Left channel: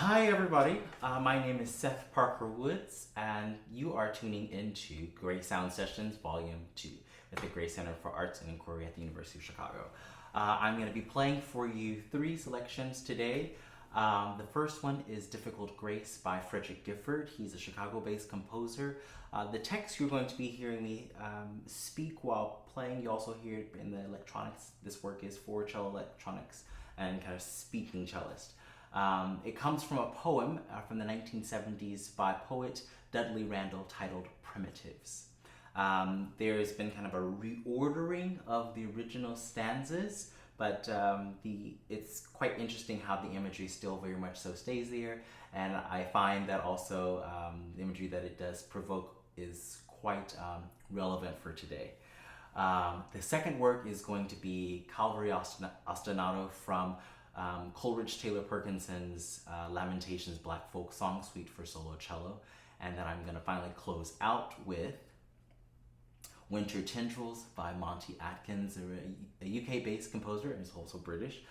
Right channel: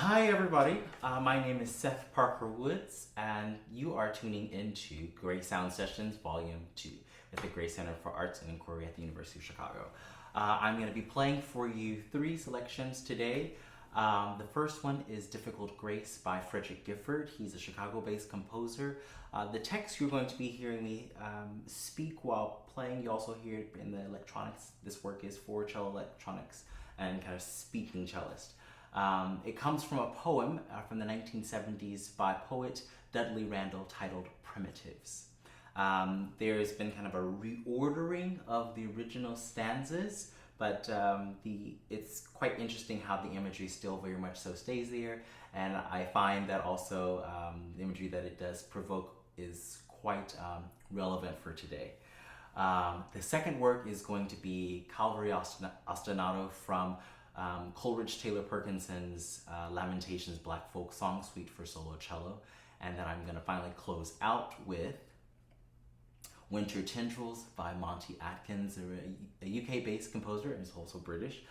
Hi everybody, my name is Seth Parker Woods and you are tuning into Gray Sound Sessions Volume 2 at the Gray Center for Arts and Inquiry at the University of Chicago. I'm going to be playing for you 3 selections today. The first one is Difficult Grace by Fredrick Gifford. He's a Chicago-based composer. The text you're going to be hearing me speak while playing, you also hear it in the electronics. This work is for cello electronics and kind of speaking cellist. It comes from a poem from the 1970s by poet Dudley Randall titled Primitives. There has been kind of a reordering of the original stanzas, but it's quite interesting how the imagery still very much so stays there, and I find that also the imagery that it does provoke is quite relevant for today. The second work is going to be Calvary Ostinato from Coleridge Taylor-Perkinson's Lamentations Black Folk Song Suite for solo cello, and then I'm going to finally close out with Winter Tendrils by Monty Adkins, a UK-based composer, and is also British.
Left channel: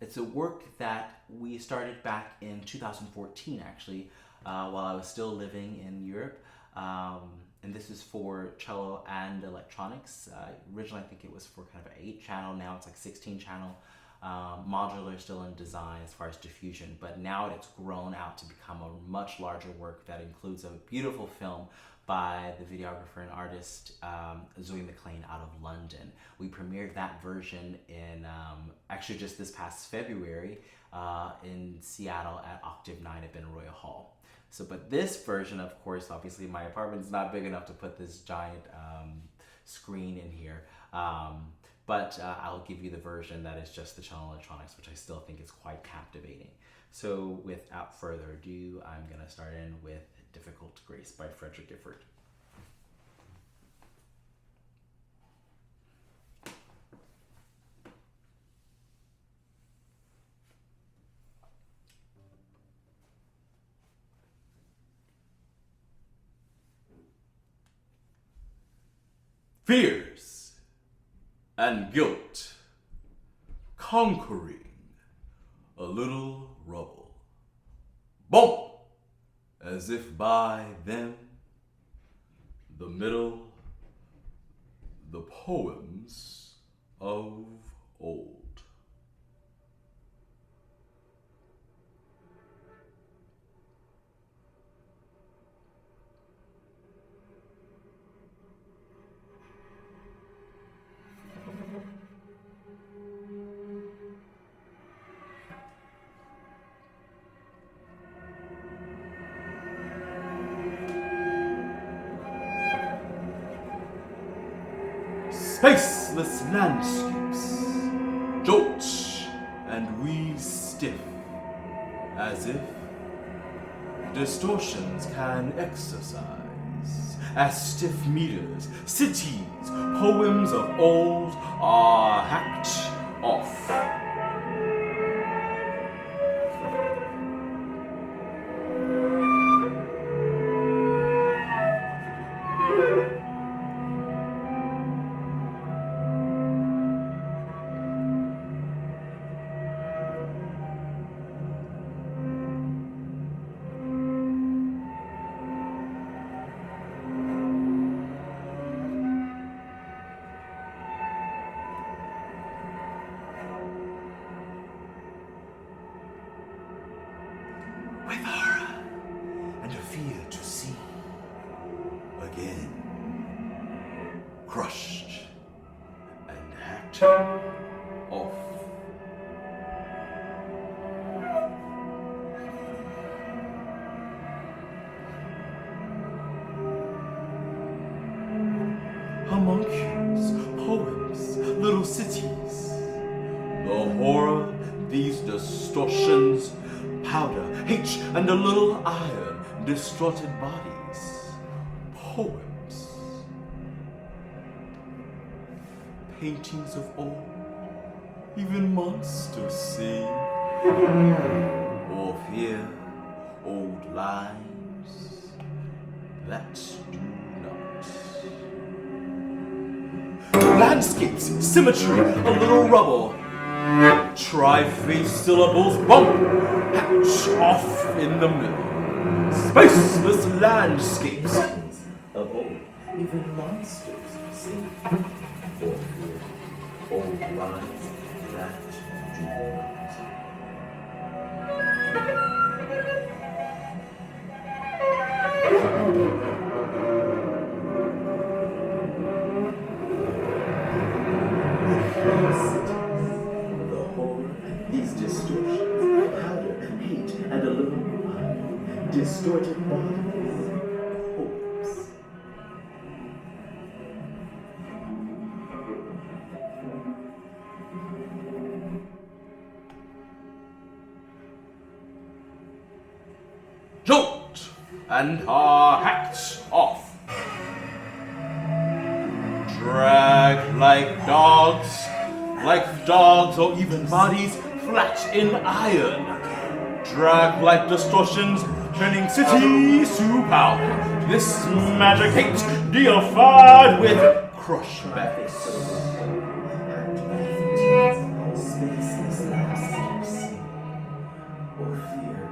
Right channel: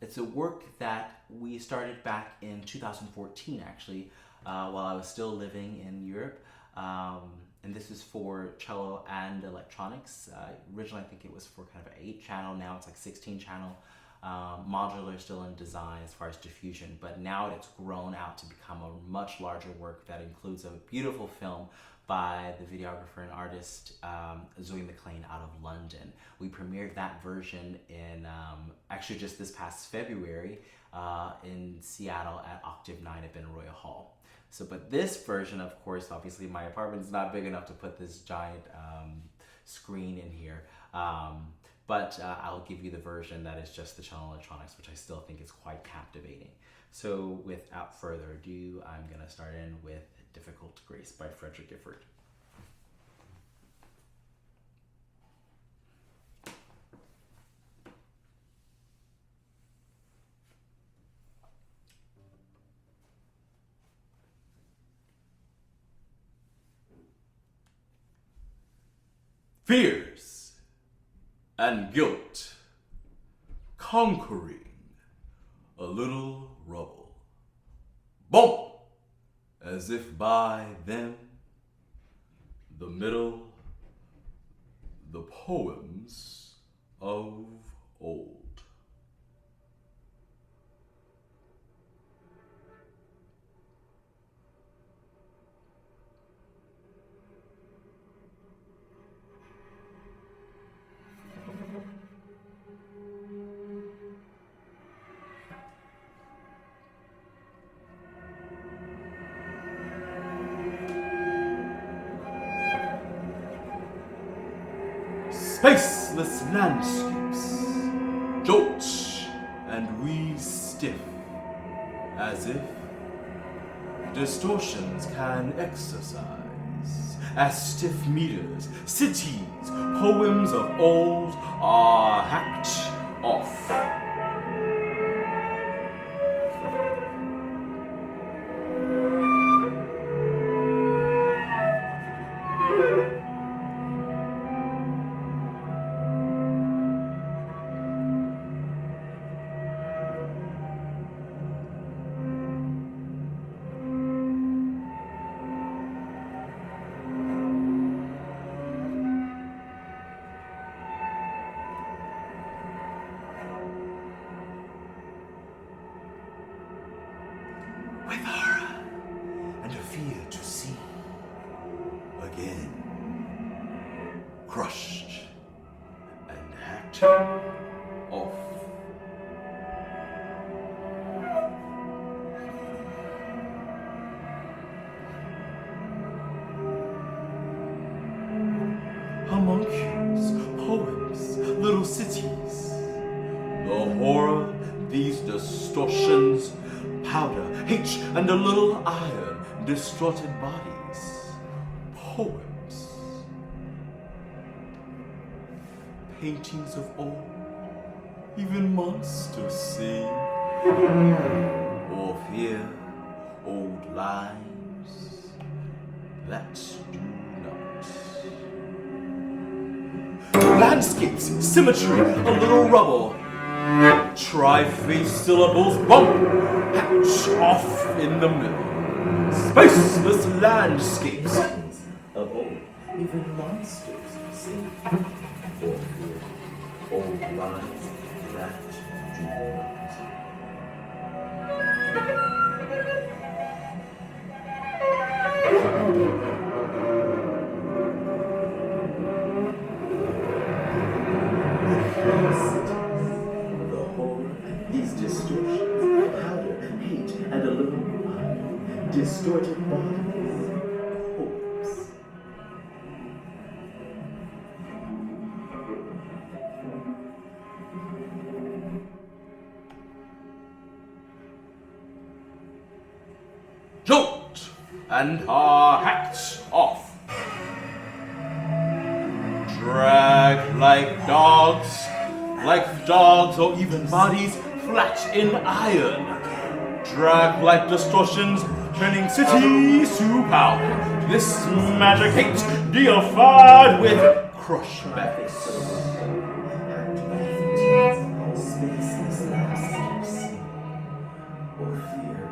It's a work that we started back in 2014, actually, while I was still living in Europe. And this is for cello and electronics. Originally, I think it was for kind of an 8-channel. Now it's like 16-channel. Modular still in design as far as diffusion, but now it's grown out to become a much larger work that includes a beautiful film by the videographer and artist Zoe McLean out of London. We premiered that version in actually just this past February in Seattle at Octave 9 at Royal Hall. So, but this version, of course, obviously my apartment's not big enough to put this giant screen in here. But I'll give you the version that is just the cello electronics, which I still think is quite captivating. So without further ado, I'm going to start in with Difficult Grace by Fredrick Gifford. Fears and guilt, conquering a little rubble. Bump, as if by them, the middle, the poems of old. Spaceless landscapes jolt and wheeze stiff, as if distortions can exercise, as stiff meters, cities, poems of old are hacked off. With horror and a fear to see again, crushed and hacked off. Homunculus, poems, little cities, the horror, these distortions, powder, H, and a little iron, distorted bodies, poems, paintings of old, even monsters sing, or fear old lives that do not. Landscapes, symmetry, a little rubble, Tri-face syllables bump, hatch off in the middle. Spaceless landscapes of old, even monsters sleep for food, old lines that do not. The whole, these distortions, powder, hate, and a little blood, distorted bodies, corpse. Jolt and are hacked off. Drag like dogs or even bodies flat in iron. Drag like distortions, turning cities to powder. This magic hate deified with crushbacks. Spaceless landscapes, or fear,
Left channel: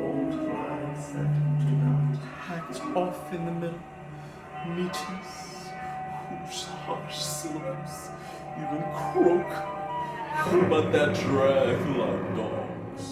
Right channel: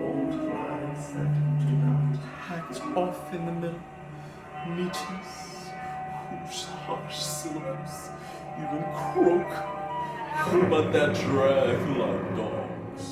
old lives that do not. Hacked off in the middle, meetings whose harsh syllables even croak, but that drag like dogs.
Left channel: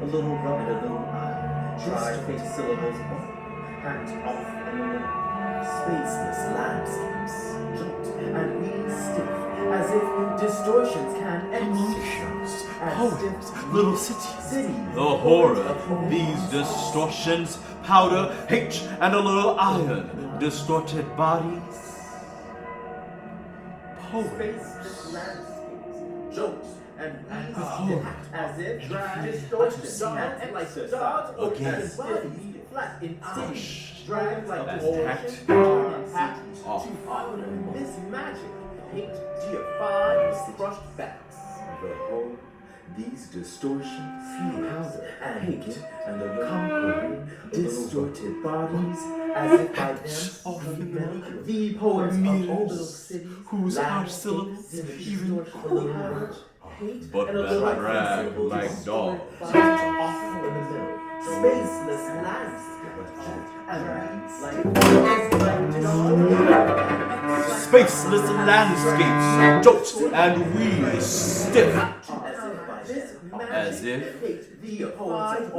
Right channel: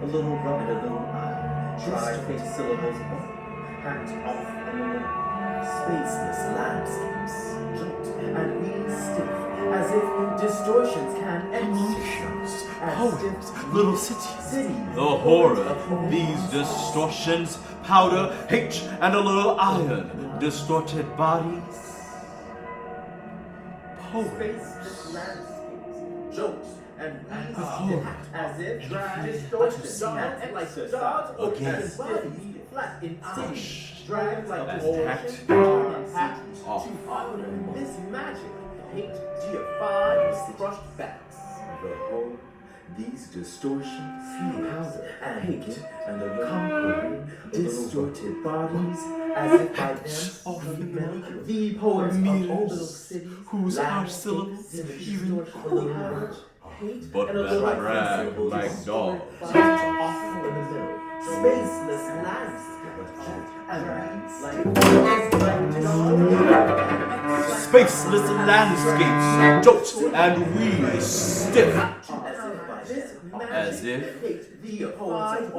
A little rub and a little iron, tri-face syllables hacked off spaceless landscapes, jolt and really stiff, as if distortions can Emotions, poems, little cities, the horror of these distortions, powder, hate, and a little iron, distorted bodies, spaceless landscapes, jolt and really stiff, as if distortions can like the dogs or again, flat in iron, drag like hacked off. This magic hate deifies crushed backs. The whole, these distortions, powder and hate, and conquering distorted bodies, as if by them, the poets of old little cities, whose harsh syllables even powder, hate, but and a little drag like dogs. off in the middle, spaceless Spaceless landscapes, jolt and wheel stiff, as if the poems of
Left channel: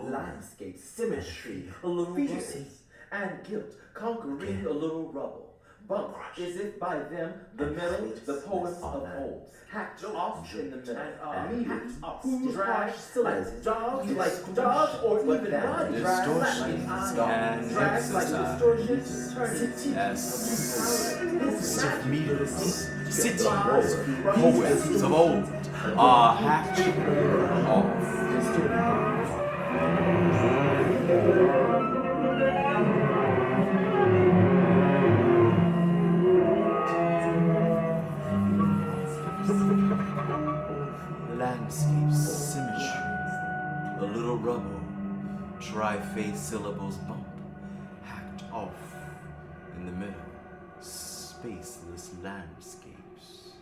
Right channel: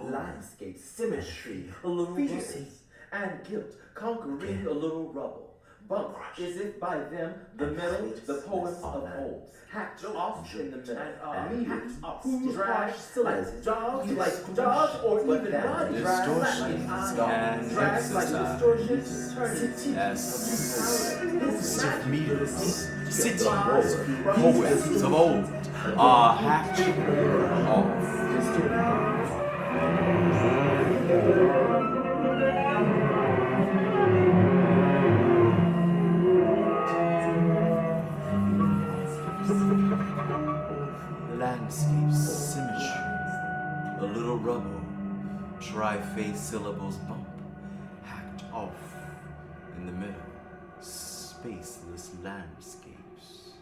landscape symmetry, a little juices and guilt, conquering a little rubble. Bumped as if by them the middle, the poems of old, hacked off in the middle, meters, drag, like dogs, or even distortions can distortions, stiff meters, cities, poems of old are hacked off. Landscape symmetry, a little rubble, tri-face syllables bump, hacked off in the middle, spaceless landscapes.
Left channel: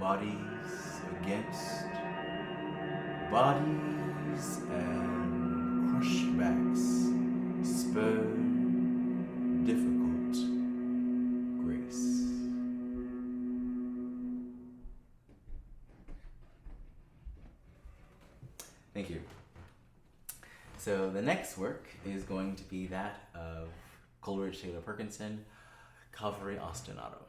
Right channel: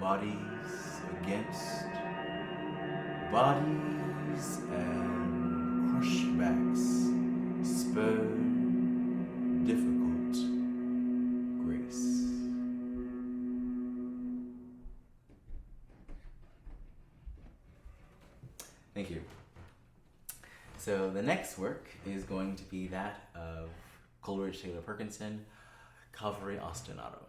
Bodies against bodies and crushbacks spur difficult grace. Thank you. So the next work is going to be that of Coleridge Taylor-Perkinson, Calvary, Ostinato.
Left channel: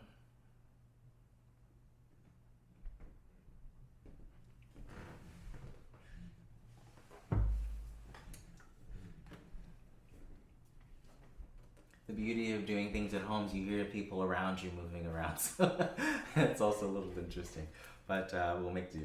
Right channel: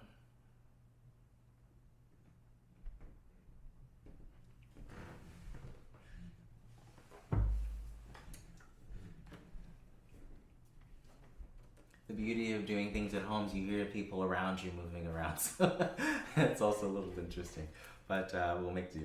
the beauty of doing things at home is you hear people around you moving around, so it's also a little interesting, but we'll make do.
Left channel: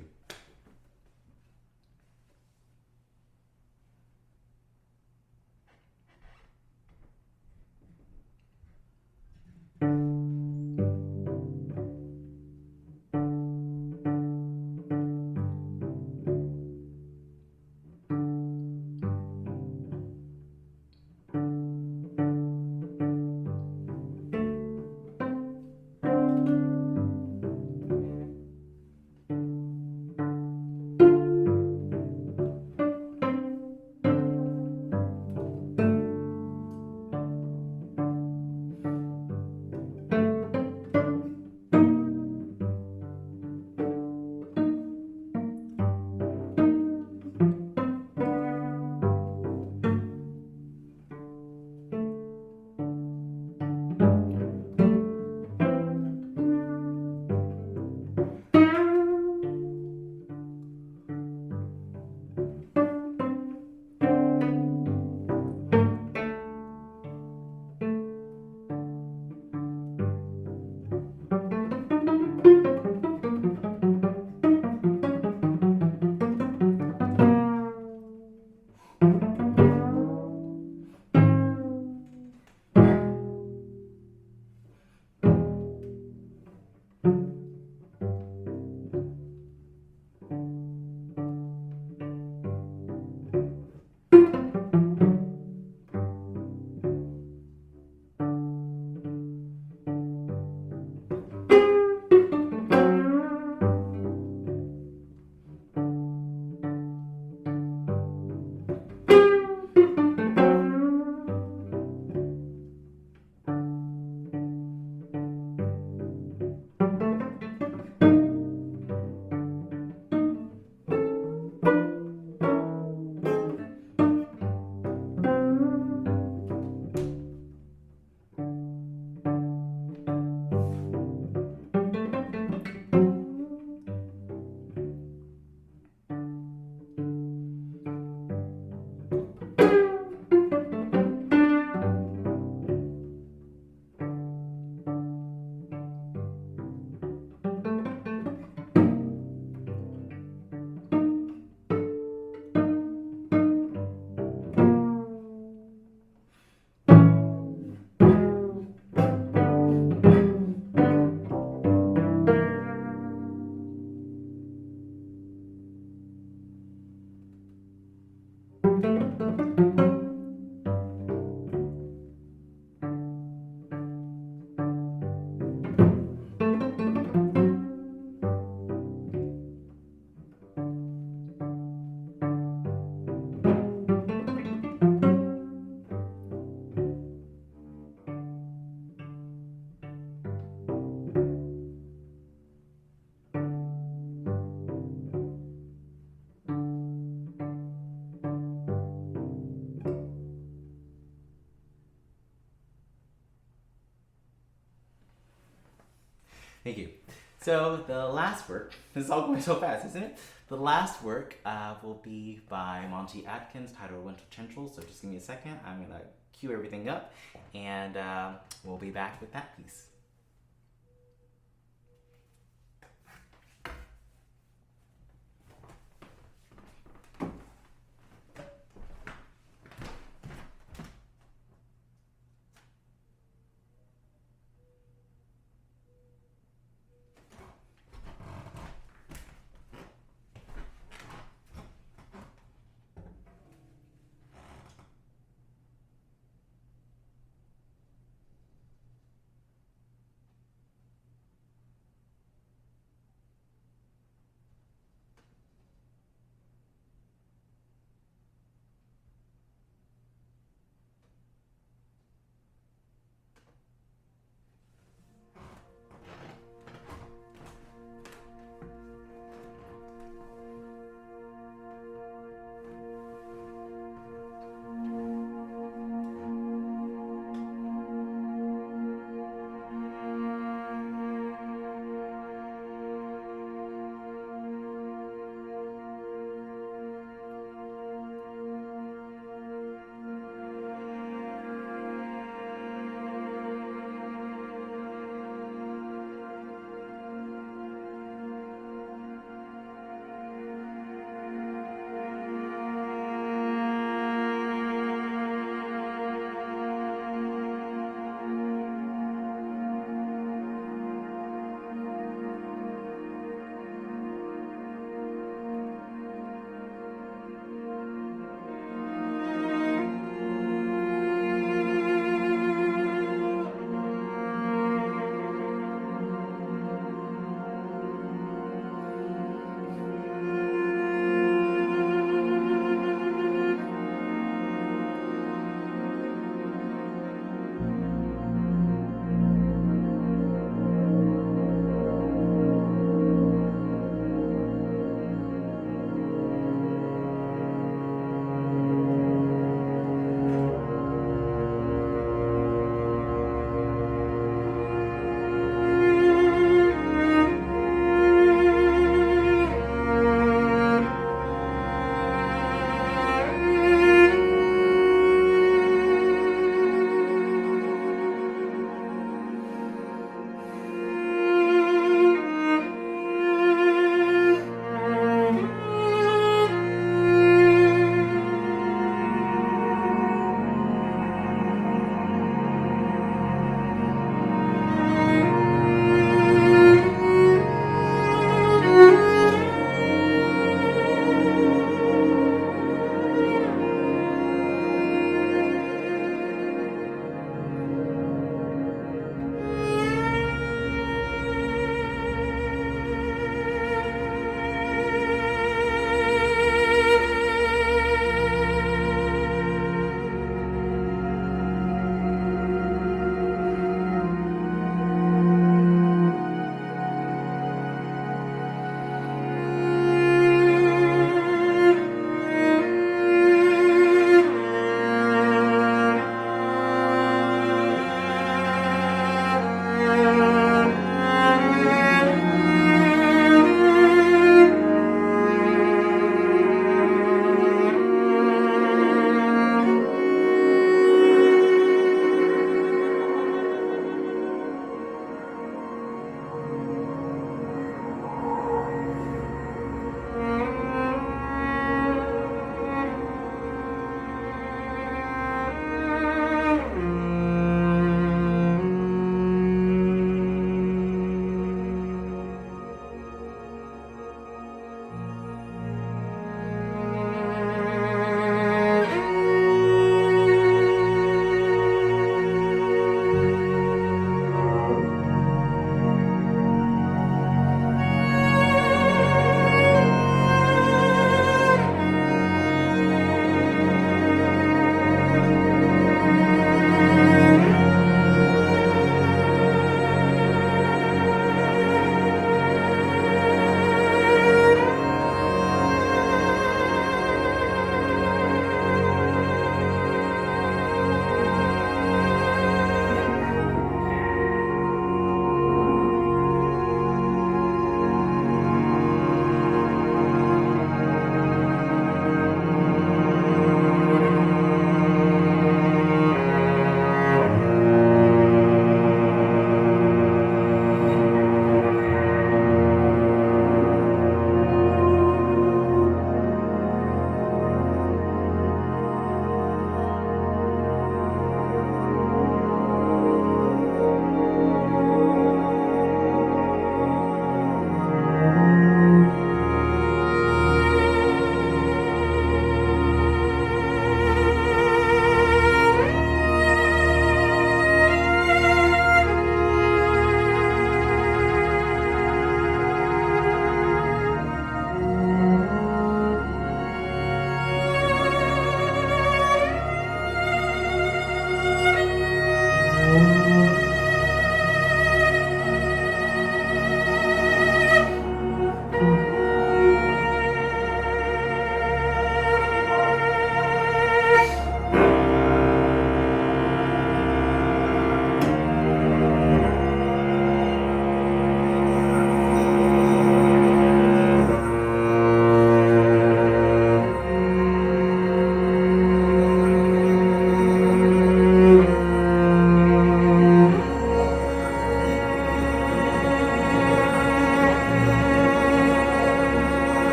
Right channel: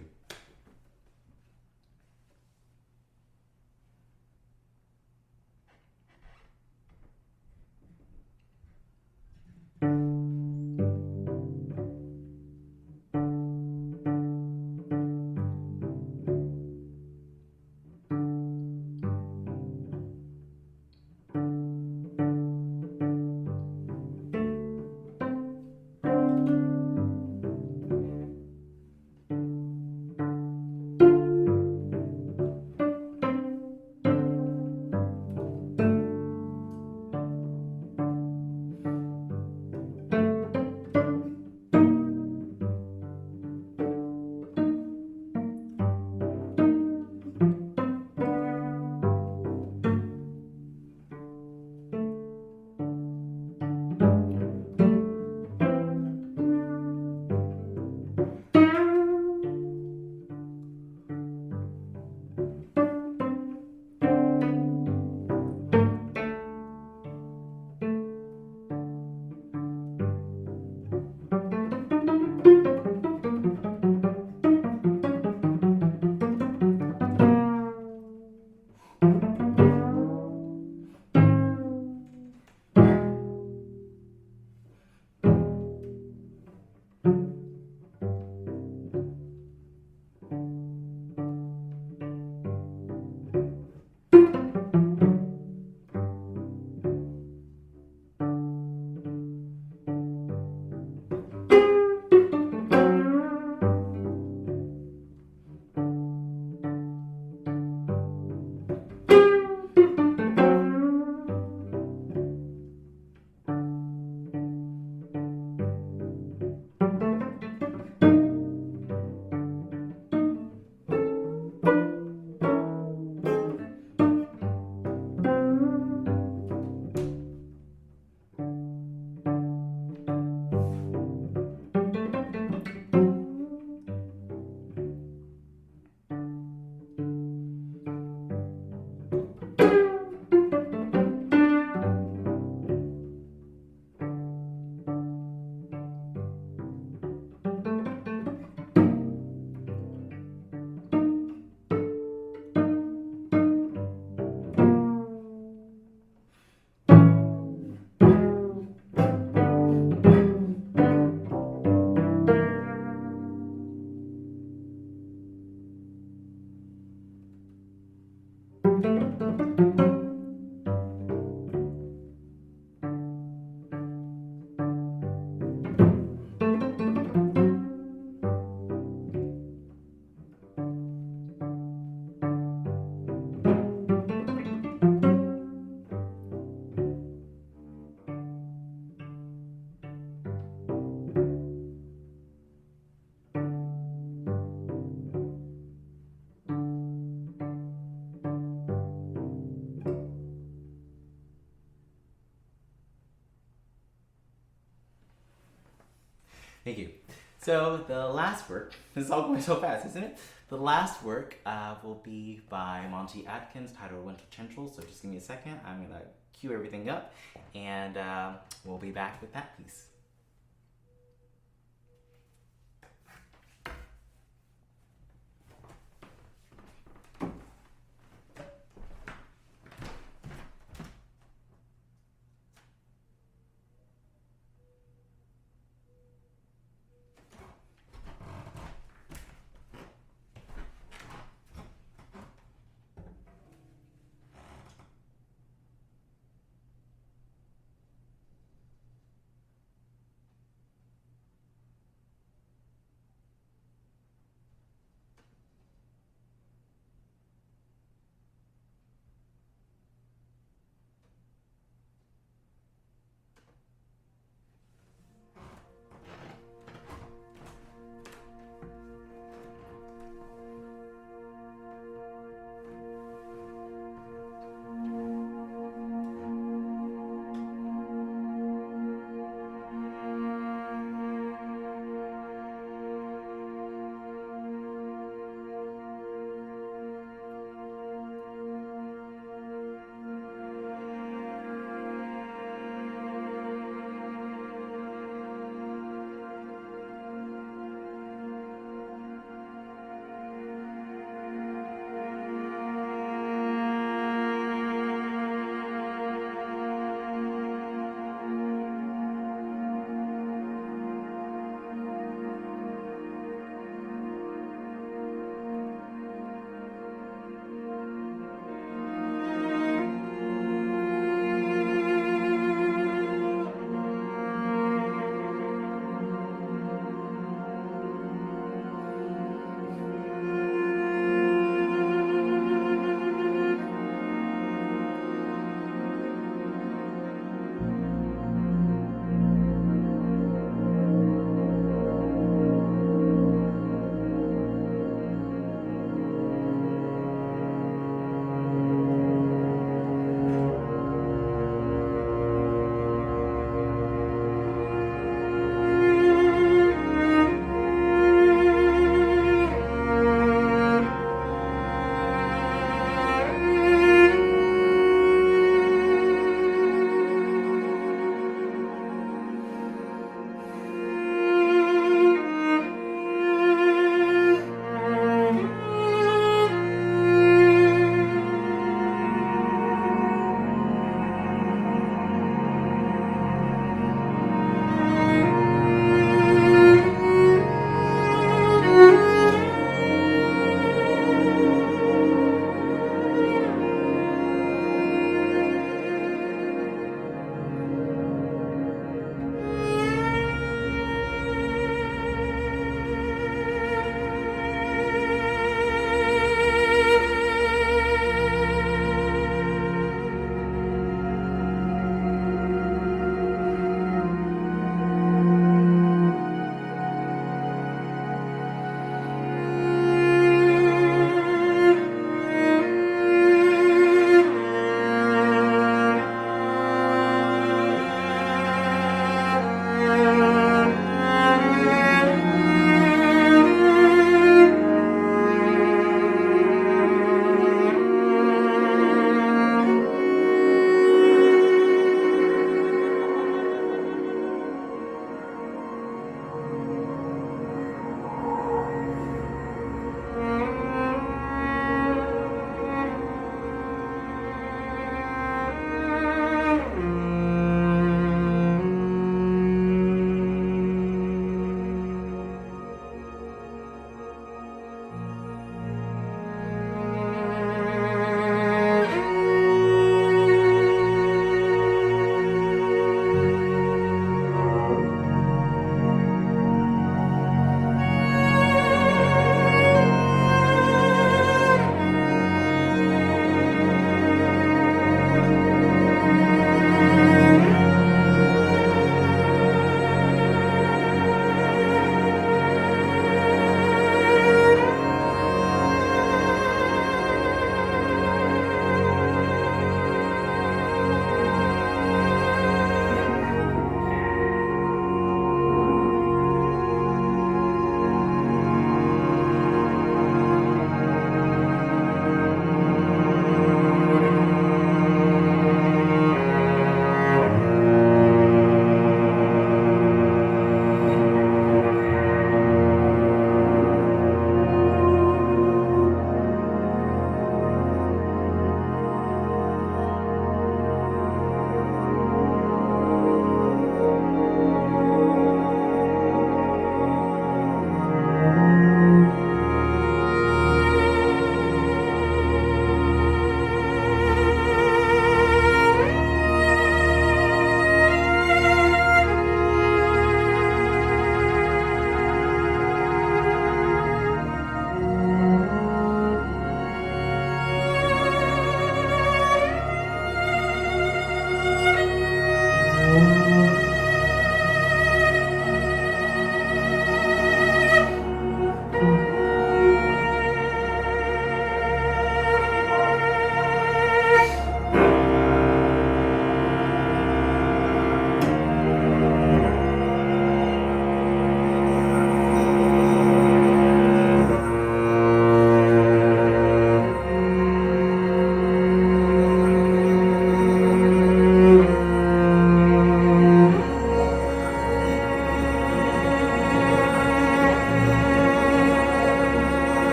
Thank you. So the last work, this is all going so fast, isn't it? The last work will be by Monty Adkins, titled Winter Tendrils. So just give me a second. I'm going to cue everything up, and we'll be back with that piece.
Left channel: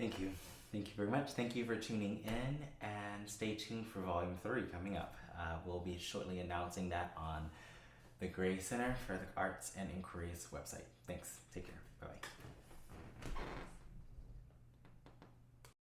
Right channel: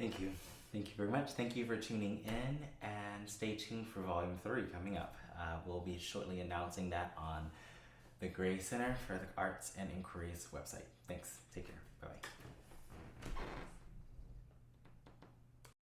Thank you. Thank you very much. Thank you for tuning in, and stay tuned for Volume 3 coming up. We'll be shortly announcing that on the Gray Center for the Arts and Inquiries website. Thanks. Take care. Bye-bye.